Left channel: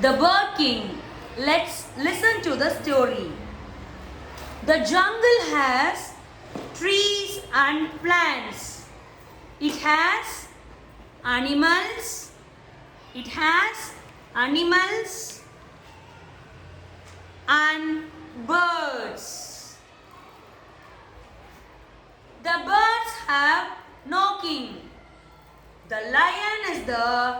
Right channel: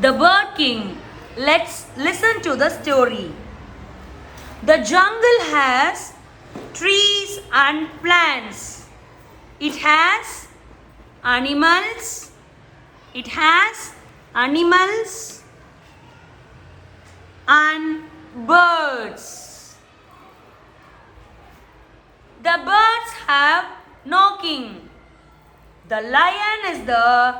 The Bird King. Let's listen to the story. The jungle has trees and plants. It has animals. It has animals and birds. The birds have no king. The lion is the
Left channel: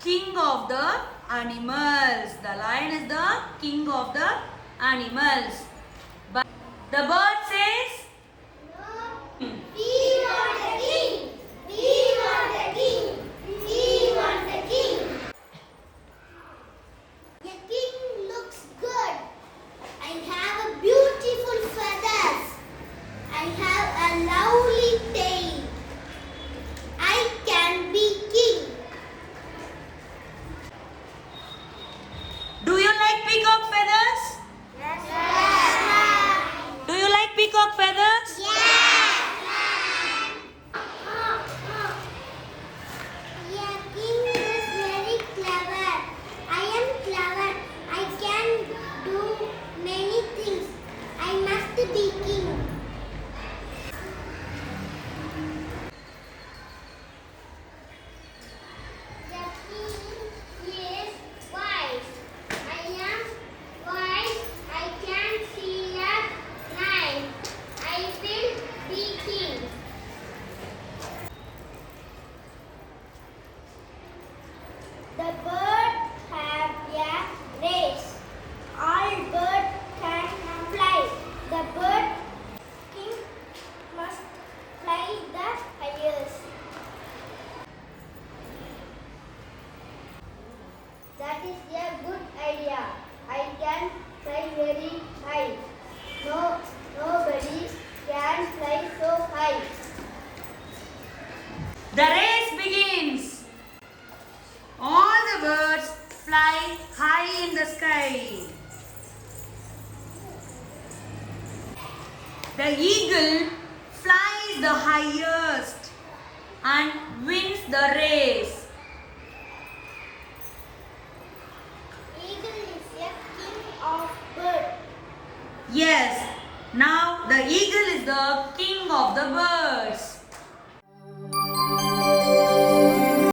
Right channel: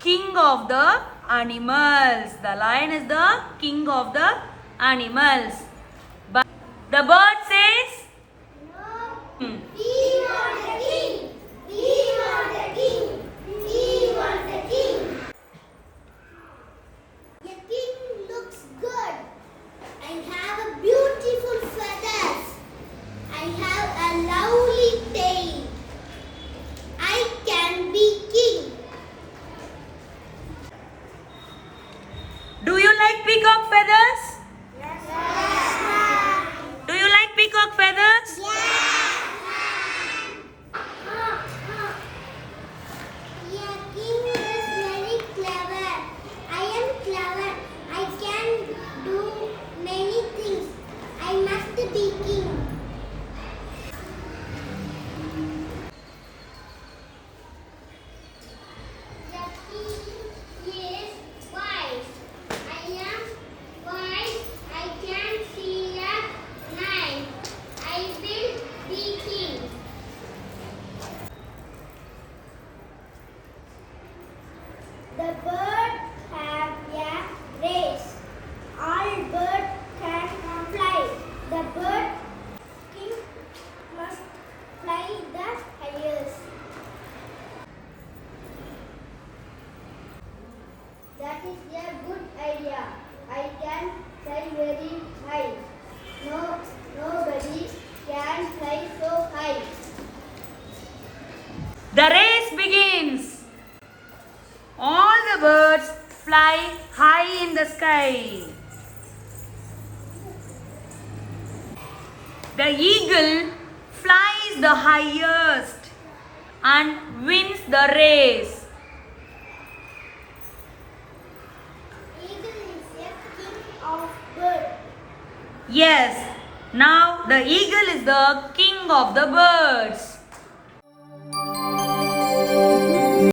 king of the animals. The lion is the king of the animals. But the bird says, We want the king. We want the king. We want the king. The king looks good. I have a beautiful feathers. I have a lovely tail. I can be king. do you like peacock feathers? Yes. Do you like peacock feathers? Yeah, king is very clever. I am clever. I can do many things. I must be king. The king is wise. I am wise. I can see at night. I will be king. The birds have a race. All birds can fly. The bird king must fly the highest. That is a good idea. I can fly very high. Nobody can fly so high. The race begins. All the birds fly high in the sky. The eagle flies the highest and wins the race. Eagle is a king of birds. Yes, now the eagle is the king of the birds.